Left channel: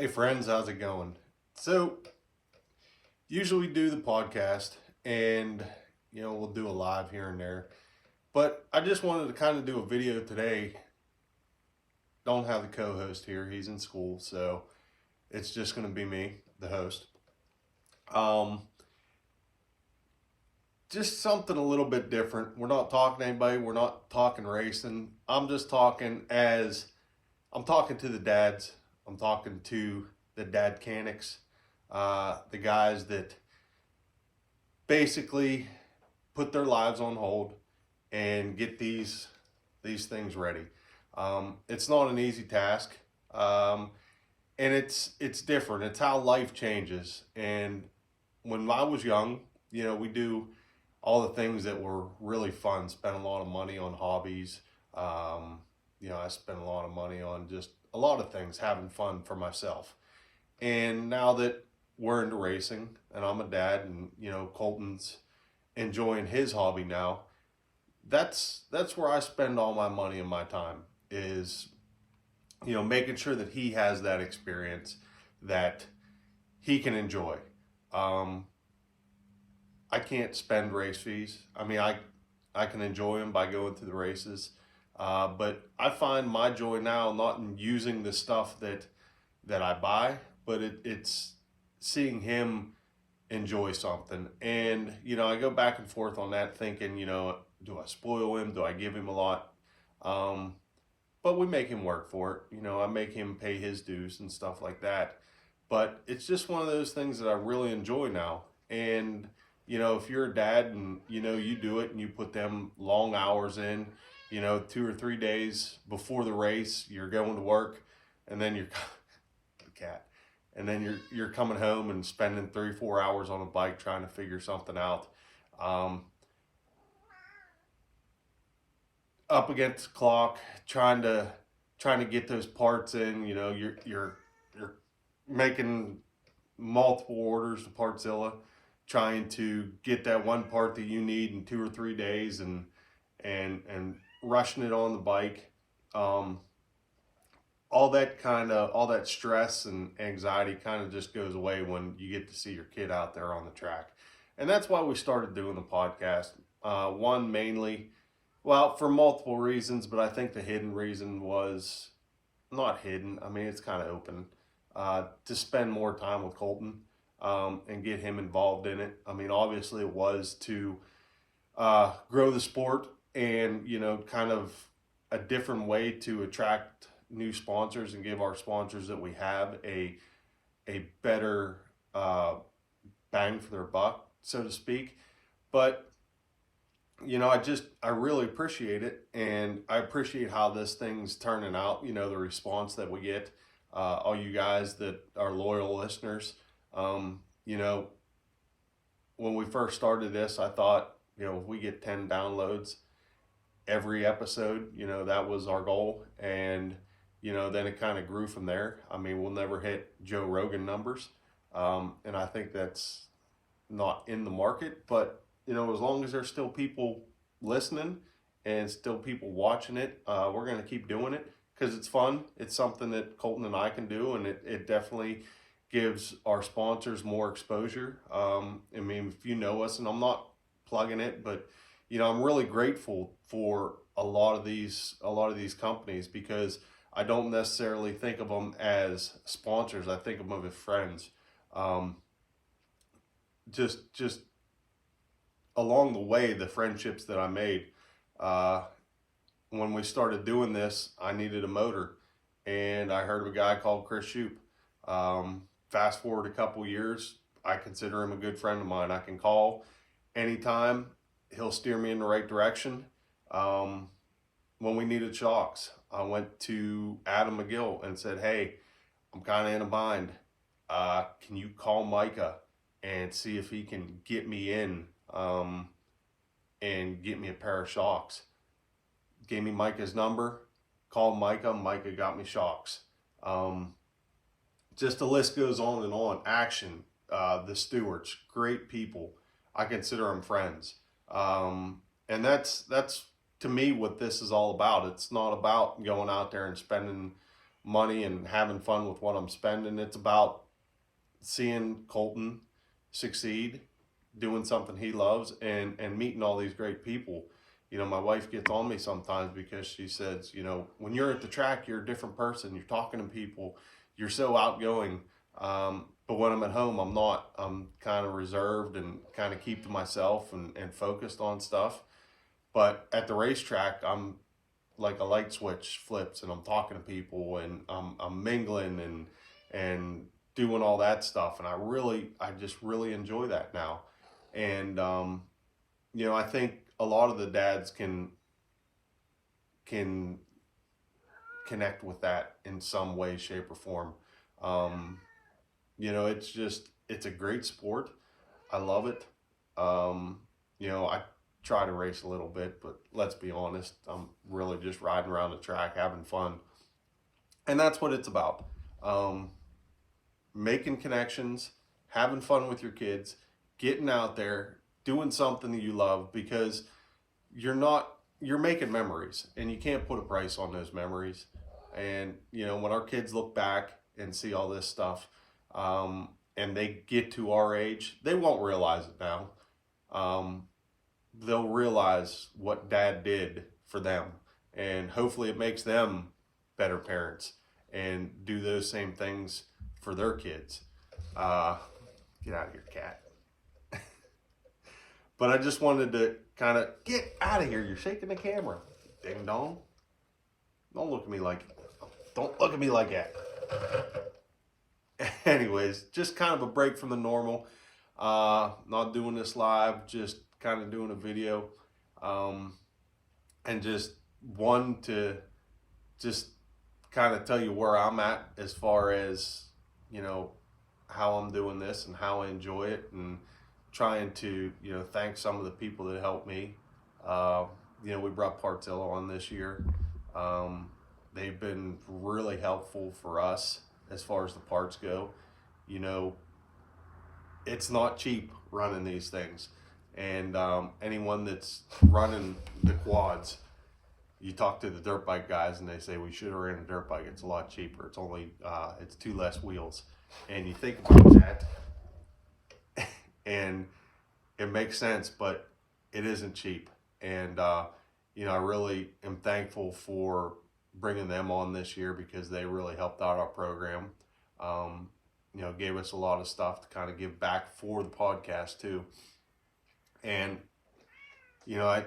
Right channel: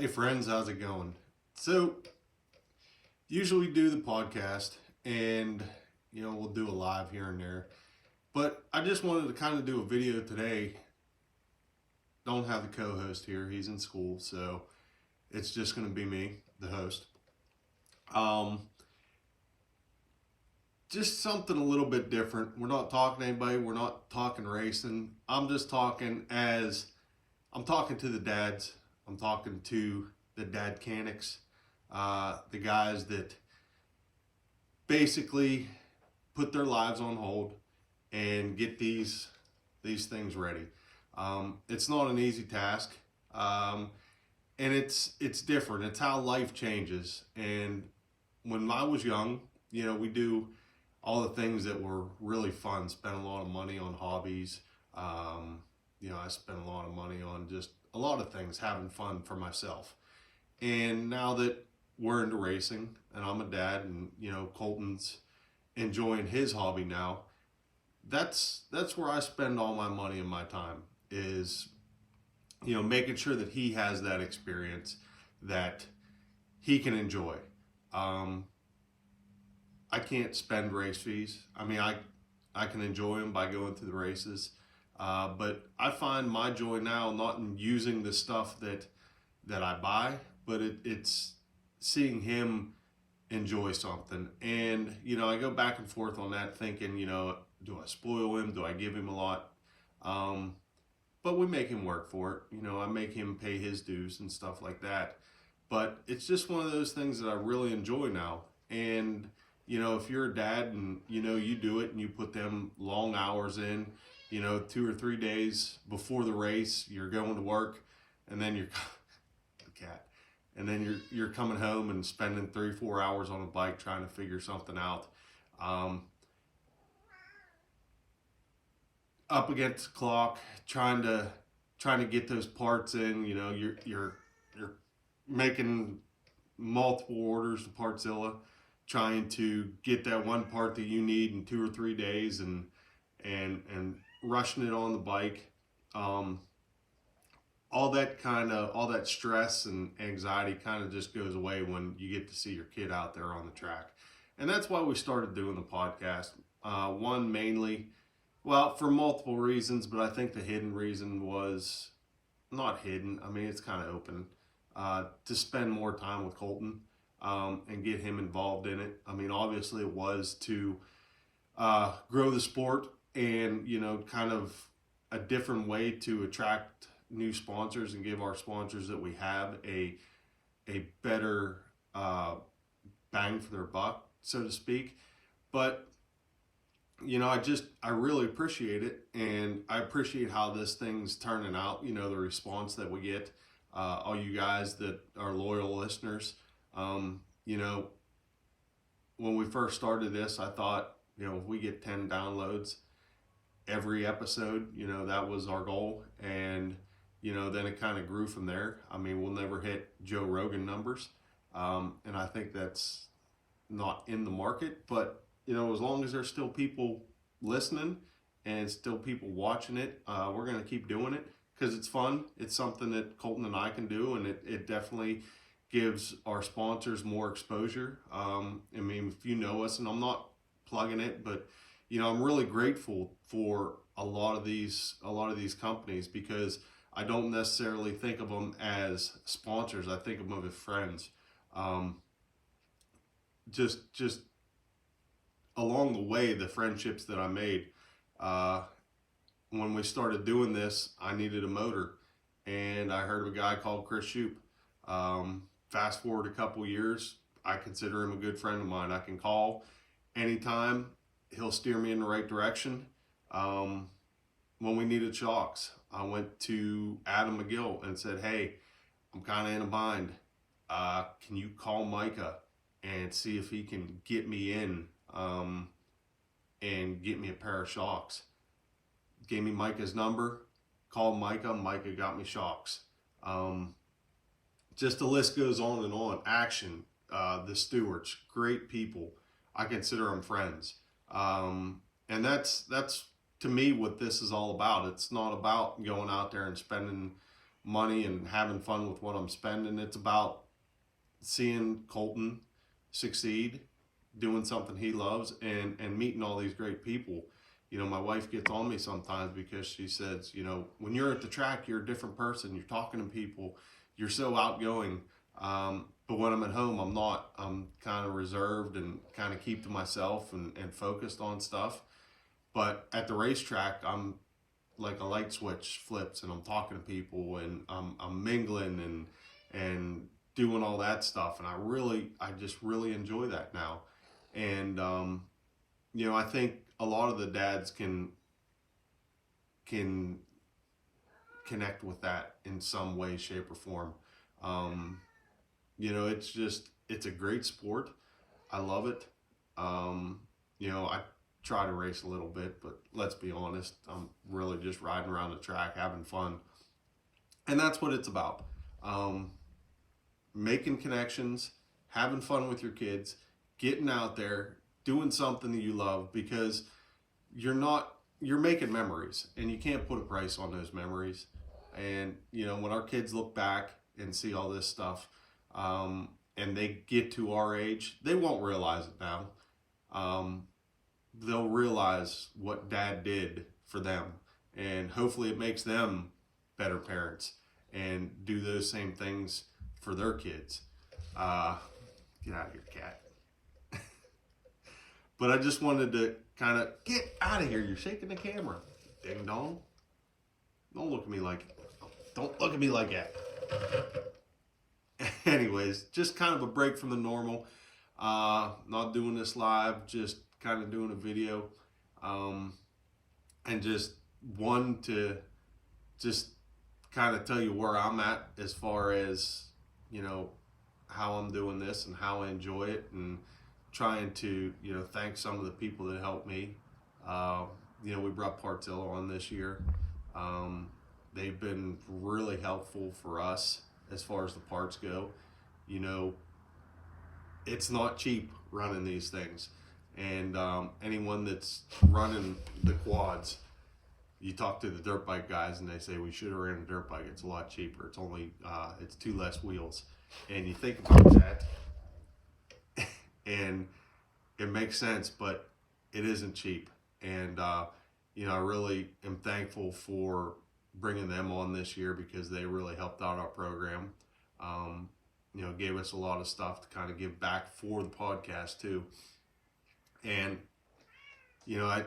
Hey friends, how's it going? So, usually do the podcast and we'll do a live here and there. But I just wanted to kind of do a video today. Don't have the co-host here. He's in school, so it's just going to be me, the host. Um just something a little bit different. We're not talking to anybody. We're not talking racing. I'm talking to the dads. I'm talking to the dad canics, the guys that basically put their lives on hold and get these things ready. It's not an easy task, and it's different. It's how life changes. And when I was young, we do all the things that were really fun. Spent a lot of money on hobbies. I spent a lot of money on just a lot of things, having fun for myself. And now that we're into racing and I'm a dad and, Colton's enjoying his hobby now, that's where I spend all my money and my time is, making sure that he has that experience that he can enjoy. I can't spend race fees. I mean, I can enjoy them by going to the races. But I find my joy now not in using the stuff that I buy, but it's seeing him enjoy something. And, I go back and forth on that thinking, do I spoil him? Do I give him a lot? But we make him work for it. I make him pay his dues and stuff like that. But it's just one of those things that I really enjoy now. And, if you're a dad and, you do it and you put them long hours in, 2 or 3 days before the race, you're going to work, and then the cat, and then you're coming home and spending 3-4 hours on a bike trying to figure something out. Up against the clock, trying to get those parts in. You're making multiple orders to Partzilla, trying to get that one part that you need in 2 or 3 days, and rushing it on the bike. All that stress and anxiety kind of just goes away when you get to see your kid out there on the track. And that's why we started doing the podcast. One, mainly, well, for multiple reasons, but I think the hidden reason was not hidden. I mean, it's kind of open, to spend more time with Colton, and get him involved in it. I mean, obviously it was to grow the sport and, kind of a different way to attract new sponsors and give our sponsors that we have a better bang for their buck, so to speak. But, I really appreciate it, and I appreciate how this thing's turning out, the response that we get, all you guys that are loyal listeners. When we first started this, I thought, if we get 10 downloads every episode, that was our goal. And, then it kind of grew from there. I mean, we'll never hit Joe Rogan numbers. And I think that's not in the market, but, as long as there's still people listening and still people watching it, we're going to keep doing it because it's fun. It's something that Colton and I can do, and it definitely gives our sponsors more exposure. I mean, if you know us, and I'm not plugging it, but I'm really grateful for a lot of these companies, because I don't necessarily think of them as sponsors. I think of them as friends. Just along the way, the friendships that I made. When we started doing this, I needed a motor, and I heard of a guy called Chris Shoup. Fast forward a couple years, I consider him a good friend of mine. I can call anytime. He'll steer me in the right direction. When we needed shocks, I went to Adam McGill and said, hey, I'm kind of in a bind. Can you call Micah and see if he can get me in and get me a pair of shocks? Gave me Micah's number, called Micah. Micah got me shocks. Just the list goes on and on. Action, the stewards, great people. I consider them friends. And that's to me what this is all about. It's not about going out there and spending money and having fun with what I'm spending. It's about seeing Colton succeed, doing something he loves, and meeting all these great people. You know, my wife gets on me sometimes because she says, you know, when you're at the track, you're a different person. You're talking to people. You're so outgoing. But when I'm at home, I'm not. I'm kind of reserved and kind of keep to myself and focused on stuff. But at the racetrack, I'm like a light switch flips and I'm talking to people and I'm mingling and doing all that stuff. And I just really enjoy that now. And, you know, I think a lot of the dads can connect with that in some way, shape, or form. You know, it's a great sport. I love it. You know, I try to race a little bit, but let's be honest, I'm really just riding around the track, having fun. And that's what it's about. Making connections, having fun with your kids, getting out there, doing something that you love, because you're making memories and you can't put a price on those memories. And, you know, when our kids look back and see all this stuff, and they get to our age, they won't realize it now. They'll realize what dad did for them, and hopefully it makes them better parents and do those same things for their kids. Get out of here, cat. But I just wanted to kind of get out of here. You're shaking the camera. Ding dong. Don't look at me like that. Anyways, just kind of a break from the normal. Not doing this live, just kind of doing a video. And just one to just kind of tell you where I'm at as far as, you know, how I'm doing this and how I enjoy it, and trying to, you know, thank some of the people that helped me. You know, we brought Partzilla on this year. They've been really helpful for us as far as the parts go. You know, it's not cheap running these things. And anyone that's running the quads, you talk to the dirt bike guys and they say, we should have ran a dirt bike. It's a lot cheaper. It's only, it's 2 less wheels. And you think about that, and it makes sense, but it isn't cheap. And, you know, I really am thankful for bringing them on this year, because they really helped out our program. You know, gave us a lot of stuff to kind of give back for the podcast too. And, you know, I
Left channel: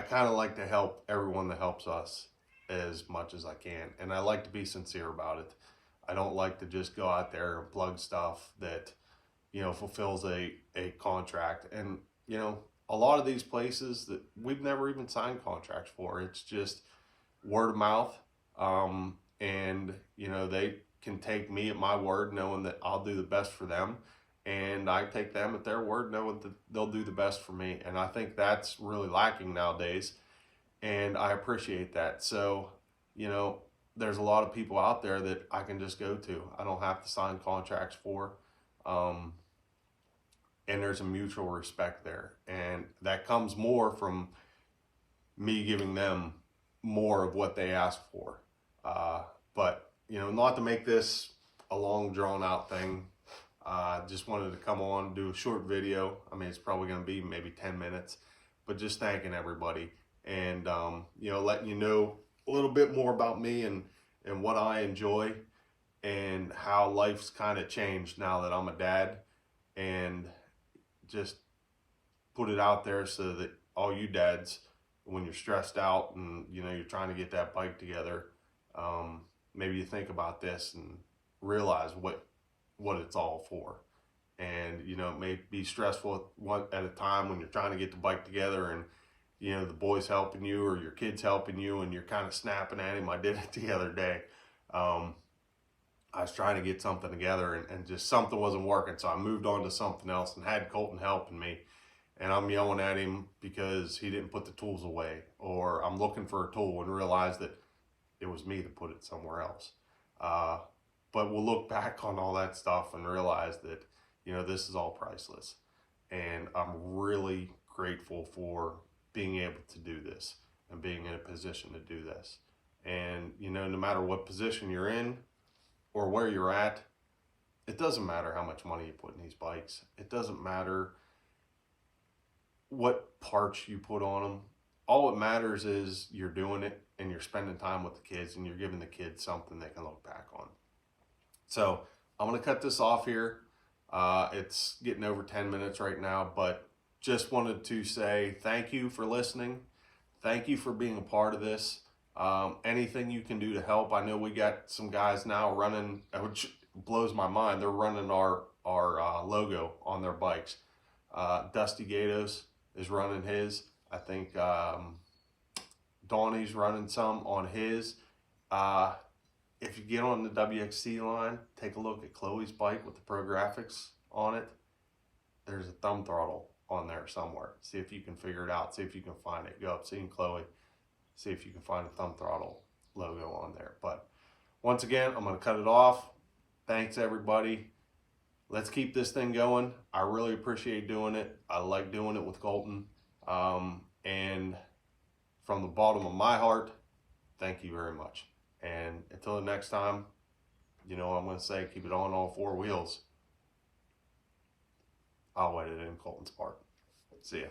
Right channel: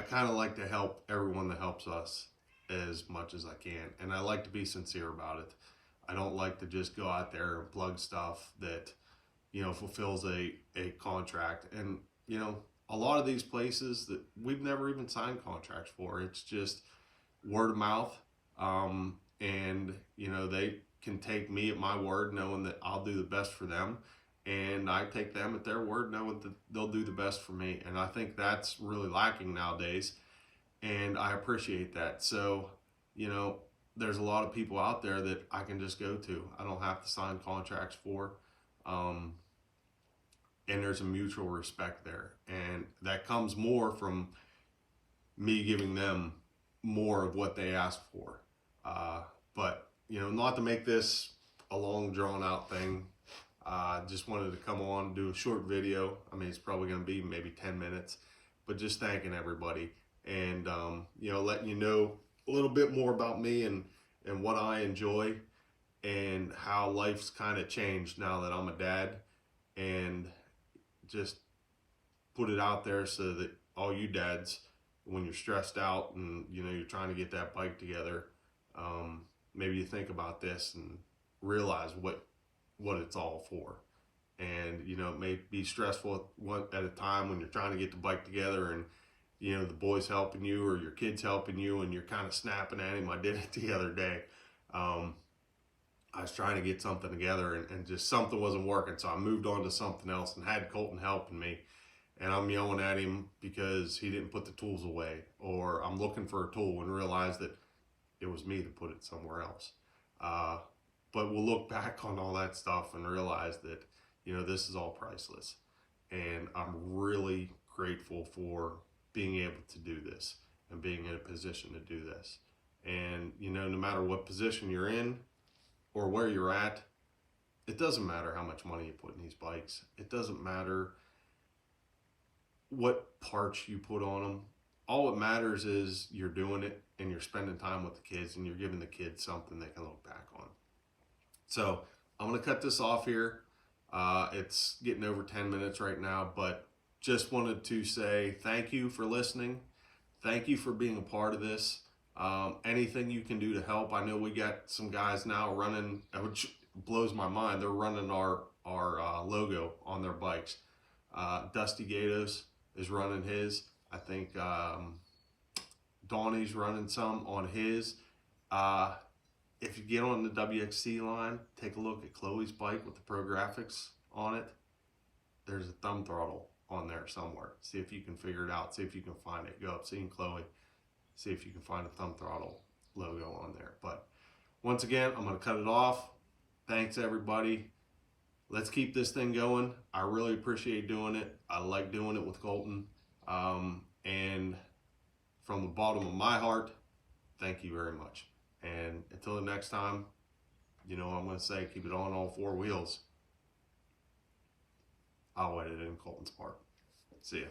kind of like to help everyone that helps us as much as I can. And I like to be sincere about it. I don't like to just go out there and plug stuff that, you know, fulfills a contract. And, you know, a lot of these places that we've never even signed contracts for, it's just word of mouth. And, you know, they can take me at my word, knowing that I'll do the best for them. And I take them at their word, knowing that they'll do the best for me. And I think that's really lacking nowadays. And I appreciate that. So, you know, there's a lot of people out there that I can just go to. I don't have to sign contracts for. And there's a mutual respect there. And that comes more from me giving them more of what they ask for. But, you know, not to make this a long drawn out thing. Just wanted to come on, do a short video. I mean, it's probably going to be maybe 10 minutes, but just thanking everybody and, you know, letting you know a little bit more about me and what I enjoy and how life's kind of changed now that I'm a dad, and just put it out there so that all you dads, when you're stressed out and, you know, you're trying to get that bike together, maybe you think about this and realize what it's all for. And, you know, it may be stressful at a time when you're trying to get the bike together and, you know, the boy's helping you or your kid's helping you and you're kind of snapping at him. I did it the other day. I was trying to get something together and just something wasn't working. So I moved on to something else and had Colton helping me. And I'm yelling at him because he didn't put the tools away, or I'm looking for a tool and realize that it was me that put it somewhere else. But we'll look back on all that stuff and realize that, you know, this is all priceless. And I'm really grateful for being able to do this and being in a position to do this. And, you know, no matter what position you're in or where you're at, it doesn't matter how much money you put in these bikes. It doesn't matter what parts you put on them. All it matters is you're doing it and you're spending time with the kids and you're giving the kids something they can look back on. So I'm going to cut this off here. It's getting over 10 minutes right now, but just wanted to say thank you for listening. Thank you for being a part of this. Anything you can do to help. I know we got some guys now running, which blows my mind. They're running our logo on their bikes. Dusty Gatos is running his. I think Donnie's running some on his. If you get on the WXC line, take a look at Chloe's bike with the Pro Graphics on it. There's a thumb throttle on there somewhere. See if you can figure it out. See if you can find it. Go up, see Chloe. See if you can find a thumb throttle logo on there. But once again, I'm going to cut it off. Thanks, everybody. Let's keep this thing going. I really appreciate doing it. I like doing it with Colton. And from the bottom of my heart, thank you very much. And until the next time, you know what I'm going to say, keep it on all four wheels. I'll wet it in Colton's Park. See ya.